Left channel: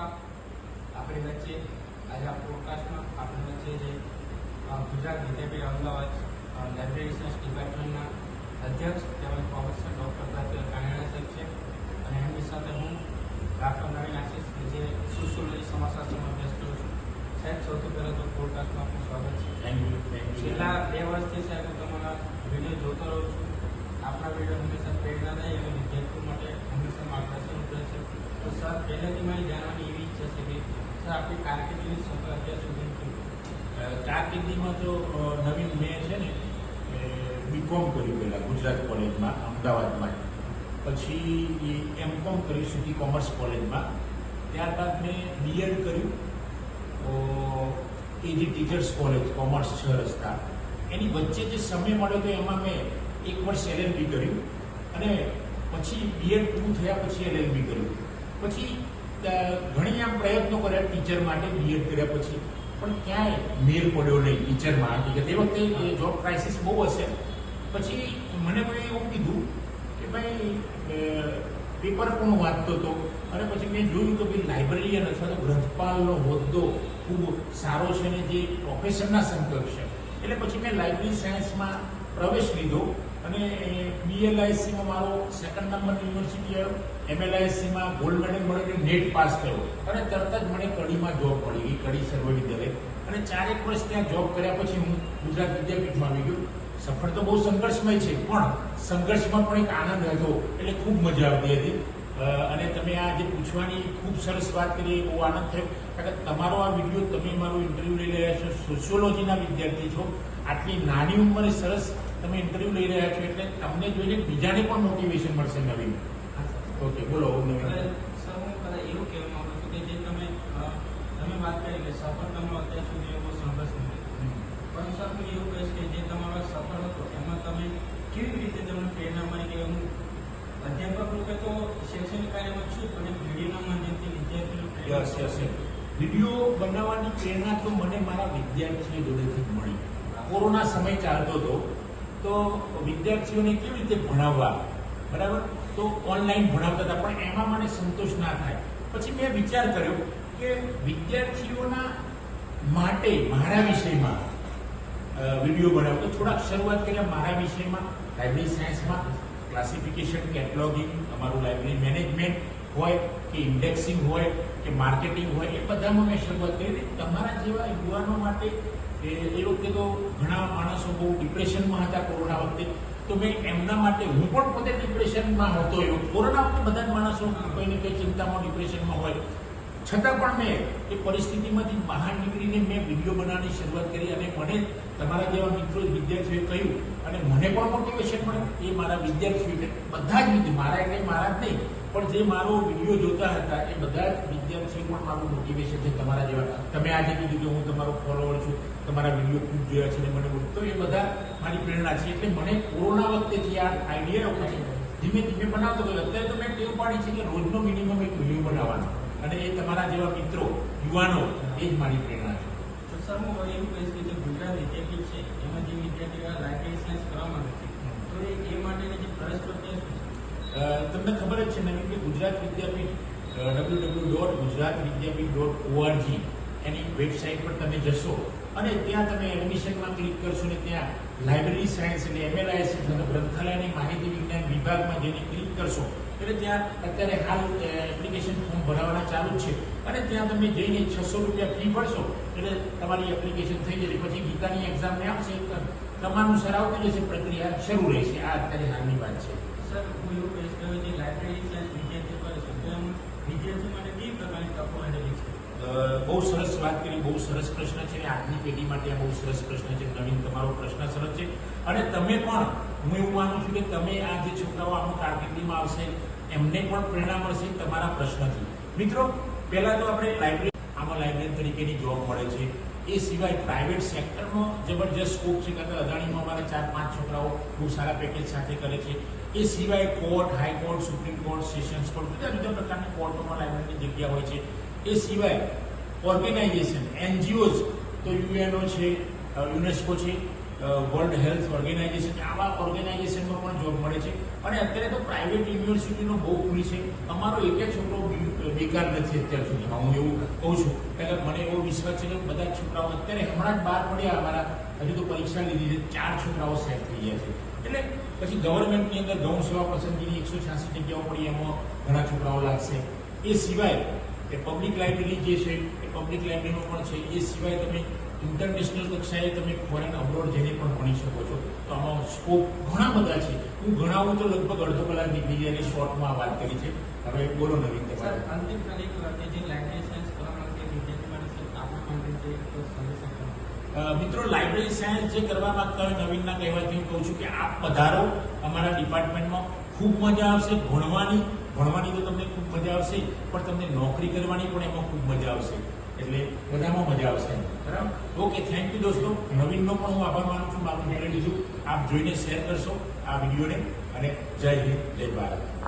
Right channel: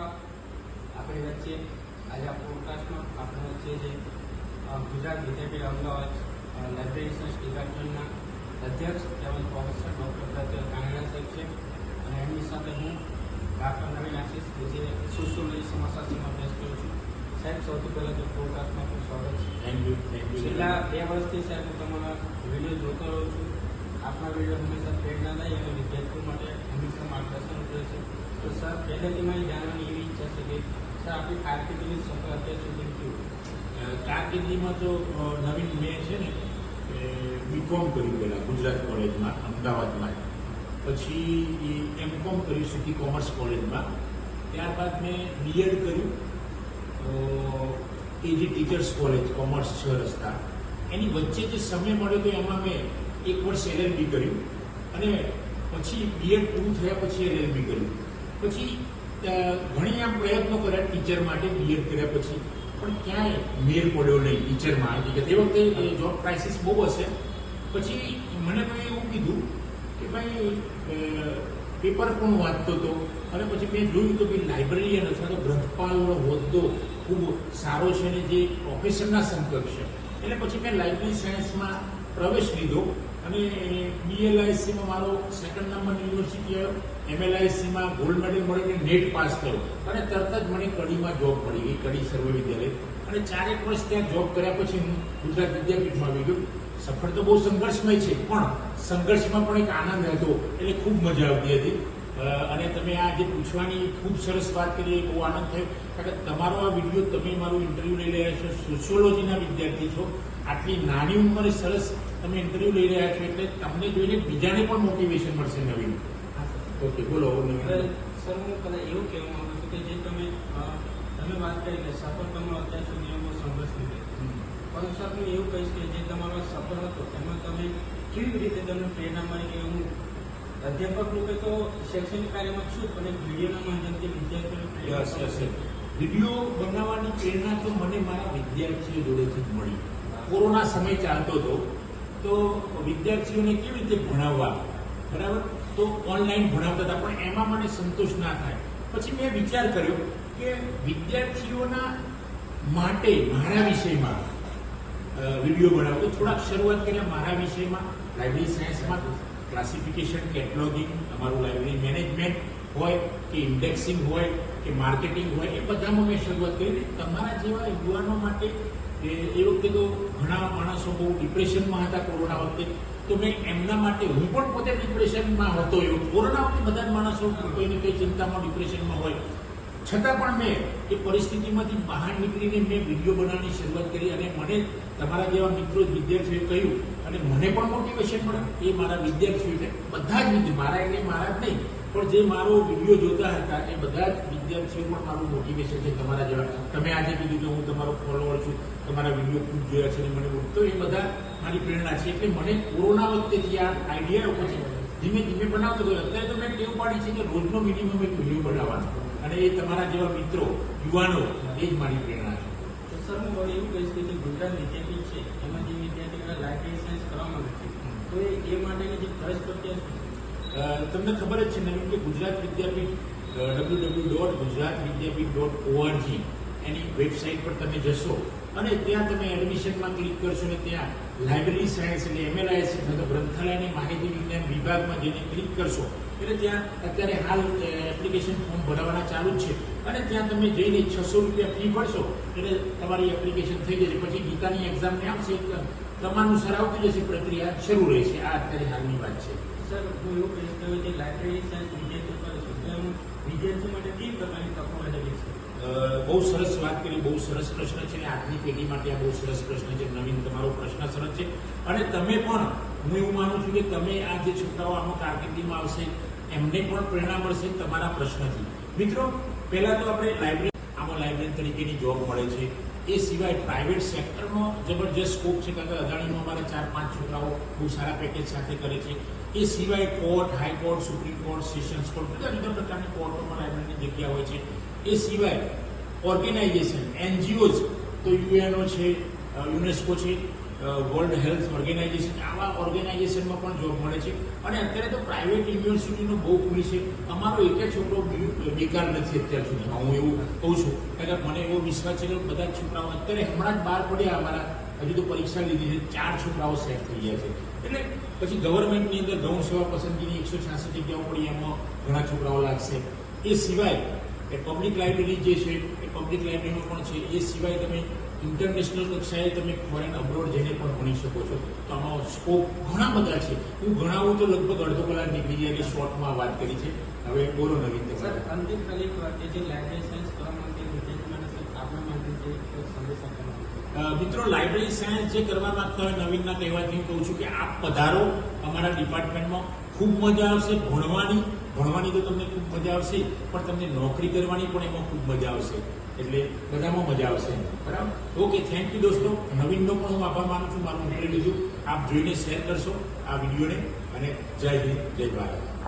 નમસ્કાર. આપણી વચ્ચે આજે પોડકાસ્ટમાં આપણી વચ્ચે જે ગુજરાત વિદ્યાપીઠ અમદાવાદ લાઇબ્રેરી સાયન્સ ડિપાર્ટમેન્ટના અધ્યક્ષ તેમજ પ્રોફેસર ડૉક્ટર પ્રત્યે કાનેરા સાહેબ છે અને એમની સાથે હું ડૉક્ટર નવીન આશીષ કે જે સોશિયોલોજી સમાજશાસ્ત્રમાં અભ્યાસ કરું છું. સાહેબ, સૌથી પહેલાં તો પોડકાસ્ટમાં ખૂબ સ્વાગત છે. Thank you. છેલ્લા 2 વર્ષથી સાહેબ તમારા વિડીયો જોતો રહું છું. આપના વિડીયો હંમેશા પ્રેરણાદાયી અને વિદ્યાર્થીઓ માટે હંમેશા માર્ગદર્શન રહે છે. તો સર, પહેલાંથી મારી જાણવાની એવી ઈચ્છા છે કે સર આપણી કારકિર્દીની સફળ અત્યાર સુધી કેવું? કારકિર્દીમાં તો નવીન મેં છે ને બીકોમ કર્યું પહેલાં ગુજરાત કોલેજમાં અમદાવાદમાં, પછી એમકોમ કર્યું સિટી કોમર્સ કોલેજમાં, ત્યારબાદ મેં બીએડ કર્યું એજી ટીચર્સ કોલેજ કોમર્સ 6 રસ્તા. એની વચ્ચે જે સમય મળ્યો તો એમાં મેં 1 વર્ષ LLB કર્યું અને પછી બીએડ પૂરું થયા પછી LLB કર્યું. પછી ઘણી આમ પ્રયત્નો કર્યા ટીચર માટે બીએડ કર્યા પછી, પણ ક્યાંય મેર પડ્યો નહીં ટીચરમાં. એ વખતે જોબ ક્રાઇસિસ બહુ હશે. પછી મને કોઈ એવું કીધું કે ભાઈ પેપર પણ વાંચતો હતો અને પછી મેં જોયું કે ભાઈ લાઇબ્રેરિયન અથવા તો ગ્રંથપાલનો હોદ્દો ખૂબ સારો છે અને જે પ્રોફેશનના સમકક્ષ છે. એટલે પછી મેં લાઇબ્રેરી સાયન્સમાં પ્રવેશ લીધો અને BLISCમાં મારો 2nd નંબર યુનિવર્સિટી આવ્યો, MLISCમાં ગોલ્ડ મેડલ મળીને નેટ પાસ થયો અને તરત જ મને કડીમાં જોબ પડી ગઈ, કડી સર્વવિદ્યાલય. અને 4 વર્ષ ત્યાં જોબ કર્યા પછી હું ગુજરાત વિદ્યાપીઠમાં આવી ગયો. સફળ તો બહુ સંઘર્ષમય છે, પણ સંઘર્ષમાં પણ એક આનંદ હતો, એટલે ખૂબ મજા આવતી હતી. અને તમે આ જે પૂછવાની ખૂબ સરસ વાત કરી, એ બહુ આનંદ થયો. કારણ કે તમારો આ વિડીયો, તમે મારું ઇન્ટરવ્યૂ લઈ રહ્યા છો, સોશિયોલોજીના વિદ્યાર્થી છો, આટલી નાની ઉંમરે સરસ તમે ઇન્ટરવ્યૂ લઈ રહ્યા છો, એટલે તમને જોઈને બીજાને પણ મોટિવેશન મળશે નવીન. ઓકે, બોલો. સર, હું કદાચ એવું કહેવા માંગુ છું કે જે તમે વાત કરી કે સફળતાનો અત્યાર સુધી એવો સંઘર્ષ નથી, પરંતુ સર હું એવું કહીશ કે જે તમારો સફળ હતો એમાં તમે કેવી રીતે તમને પ્રેરણા મળી? કે હું અધ્યાપક રૂપે તો શૈક્ષણિક કાર્યમાં છું, પણ વિડીયોના માધ્યમથી વિદ્યાર્થીઓ વિડીયો બનાવવાની પ્રેરણા તો મને મારા વિદ્યાર્થીઓ જોડેથી જ મળી. કોરોના સમય ચાલતો હતો તો વિદ્યાર્થીઓને કેવી રીતે ભણાવવા, બરાબર, તો ઓનલાઈન ભણાવતા હતા, પણ એમાં મને સંતોષ ના થાય. પછી મેં વિચાર કર્યો કે વિદ્યાર્થીઓના માટે મારા વિષયમાં વિડીયો બનાવતો. થોડાક શરૂઆત કરી મારા વિષયમાં લાઇબ્રેરી સાયન્સમાં ક્લાસિફિકેશન, કેટલોગિંગ, અમારું લાઇબ્રેરી મેનેજમેન્ટ હોય કે ઇન્ડેક્સિંગ હોય કે માર્કેટિંગ હોય, એ બધામાં મેં શરૂઆત કરી. તમારા જેવા યુવાનો માટે એ વખતે તો ઘણા માણસો બહુ ડિપ્રેશનમાં હતા કોરોના વખતે, તો મેં એમના માટે, હું પણ પોતે ડિપ્રેશનમાં હતો. એવું કોરોના વખતે બધા જ માણસો કોઈને કોઈ ચિંતામાં ડિપ્રેશનમાં હોય, છતાં પણ મેં એ પરિસ્થિતિમાંથી બહાર નીકળીને મેં વિડીયો બનાવવાની શરૂઆત કરી. અને મને તમારા જેવા મિત્રો વિદ્યાર્થીઓએ કહ્યું અને મને પણ મોટિવેશન મળ્યું. એ મારા વિદ્યાર્થીઓને બધા જ મારા એટલે મારા જ નહીં, પણ જે મારો વિડીયો જોતા હતા એ બધા જ વિદ્યાર્થીઓ પણ મારું મોટિવેશન છે. તમારા જેવા તમે આજે કીધું કે હું તમારો ફોલોવર છું, તમારા વિડીયો ખૂબ જોયા છે અને મને તો એ બધા મારી પ્રેરણા છે. એટલે મને કોરોના વખતેથી આ આઈડિયા રહ્યો છે, ધીમે ધીમે બનાવતો ગયો. અત્યારે તો મેં ટેવ પાડી છે કે રોજનો મિનિમમ એક વિડીયો બનાવવાનો, અને એ તમારા જેવા મિત્રો, યુવાનો, એ જ મારી પ્રેરણા છે. તો સર, હું એવું કહીશ કે જે ગુજરાત વિદ્યાપીઠ છે એમાં જે વિદ્યાર્થીઓ લાઇબ્રેરી સાયન્સ કરવા માંગે છે, તો એ માટેની જે ફરજ પડતી હશે. તમને ખબર જ છે નવીન કે ગુજરાત વિદ્યાપીઠ www.gujaratvidyapith.org એની વેબસાઇટ પર તમે જશો અને ત્યાં તમે એડમિશનમાં ક્લિક કરશો ને ત્યાં લાઇબ્રેરી સાયન્સ એટલે MLIS એટલે ગ્રંથાલયની માહિતી વિજ્ઞાન વિભાગમાં જેને ક્લિક કરશો એટલે ત્યાં અત્યારે હાલ એપ્લિકેશન ફોર્મ ભરવાના ચાલુ જ છે. અને ત્યાં તમે જઈને 600 રૂપિયા ફી ભરશો એટલે તમારી એપ્લિકેશન થઈ જશે. પછી ગીતાની એક્ઝામને આપશે, ક્રમાનુસાર આવતી રહેશે, પ્રક્રિયા શરૂ રહેશે. આ અત્યારે હાલની વાત છે. સર, હું એવું કહીશ કે જે લાઇબ્રેરી સાયન્સ વિદ્યાર્થીઓ કરે છે તો વિદ્યાર્થીઓ માટે કેવી પ્રકારની તકો માટે છે? બહુ સરસ વાત કરી, બહુ સરસ પ્રશ્ન છે. આજની પેઢી માટે આ બહુ સરસ પ્રશ્ન છે. નવીન, તમારો પ્રશ્ન સરસ છે. અને તમે પણ, હું એવું માનું છું કે તમે આ જે છોકરાઓ આમાં કારકિર્દીમાં આવશે એમને પણ પ્રેરણા મળશે તમારા પ્રશ્નથી. મિત્રો, પહેલાં તો આપણે લાઇબ્રેરી તરીકેની જોબ મળે છે. એ સિવાય પ્રાઇવેટ સેક્ટરનો જબરજસ્ત સ્કોપ છે. કારણ કે અદાણીમાં અમારે 4-5 છોકરાઓ બહુ સારા પેકેજ સાથે કરે છે. એ સિવાય court, high court, supreme court, sessions court, જુદા જુદા પ્રકારના કોર્ટોમાં લાઇબ્રેરીની જગ્યા હોય છે. એ સિવાય ઓર્ગેનાઇઝેશન, NGOs, તો UNO છે, યુનેસ્કો છે, વર્લ્ડ હેલ્થ ઓર્ગેનાઇઝેશન, આવા ઓર્ગેનાઇઝેશનમાં પણ જોબ મળે છે. અને અત્યારે તો પ્રાઇવેટ યુનિવર્સિટીનો બહુ ખુલી છે. અમારો એક જ છોકરો બેકાર નથી અત્યાર સુધીમાં, હું એવું કહું છું. કારણ કે મને એવો વિશ્વાસ છે કે બધા જ છોકરાઓ અત્યારે હમણાં જ બહાર પડ્યા અમારા, હજી તો પરીક્ષા લીધી છે, 4 છોકરાઓ સેટ થઈ ગયા છે. એટલે પછી ગવર્મેન્ટની અંદર ગૌણ સેવા પસંદગીની 186 જગ્યાઓ પડી, એમાં ઘણા છોકરાઓ લાગશે. એ સિવાય એ પબ્લિક લાઇબ્રેરી જે છે એ પબ્લિક લાઇબ્રેરીનું પણ છે. એ સિવાય તમે ઇન્ટરનેશનલ કક્ષાએ તમે ફોરેન અબ્રોડ જઈને પણ ભણી શકો છો. તો આમાં સ્કોપ ઘણા બધા છે. હું ગણાવું તો લગભગ અડધો કલાક નીકળી ગયા અને શોર્ટમાં વાત કરી છે. હવે બોલો નવીન સર, તમારે. અંતિમ ખાલી કે જે લાઇબ્રેરી સાયન્સ કરવા માંગતી વિદ્યાર્થી માટે સર આપણા માટે જે સંદેશ આપવાનો. મિત્રો, લાઇબ્રેરી સાયન્સ જે કરવા માંગતા હોય, નવીનના કહેવાથી હું કહું છું કે આપ પધારો અમારા ડિપાર્ટમેન્ટમાં. ખૂબ મજા આવશે ભણવાની તો તમને ખૂબ મજા આવશે, પણ તમને નોકરી કરવાની પણ એમાં ખૂબ મજા આવશે. એટલે બધામાં મજા આવશે, બરાબર? ઓકે, થેન્ક યુ દોસ્તો. નવીનનો પણ હું આભાર માનું છું. મારું મેળવી લીધું. આપ જોઈને શેર કરશો આ વિડીયોને. અને જય હિન્દ, જય ભારત.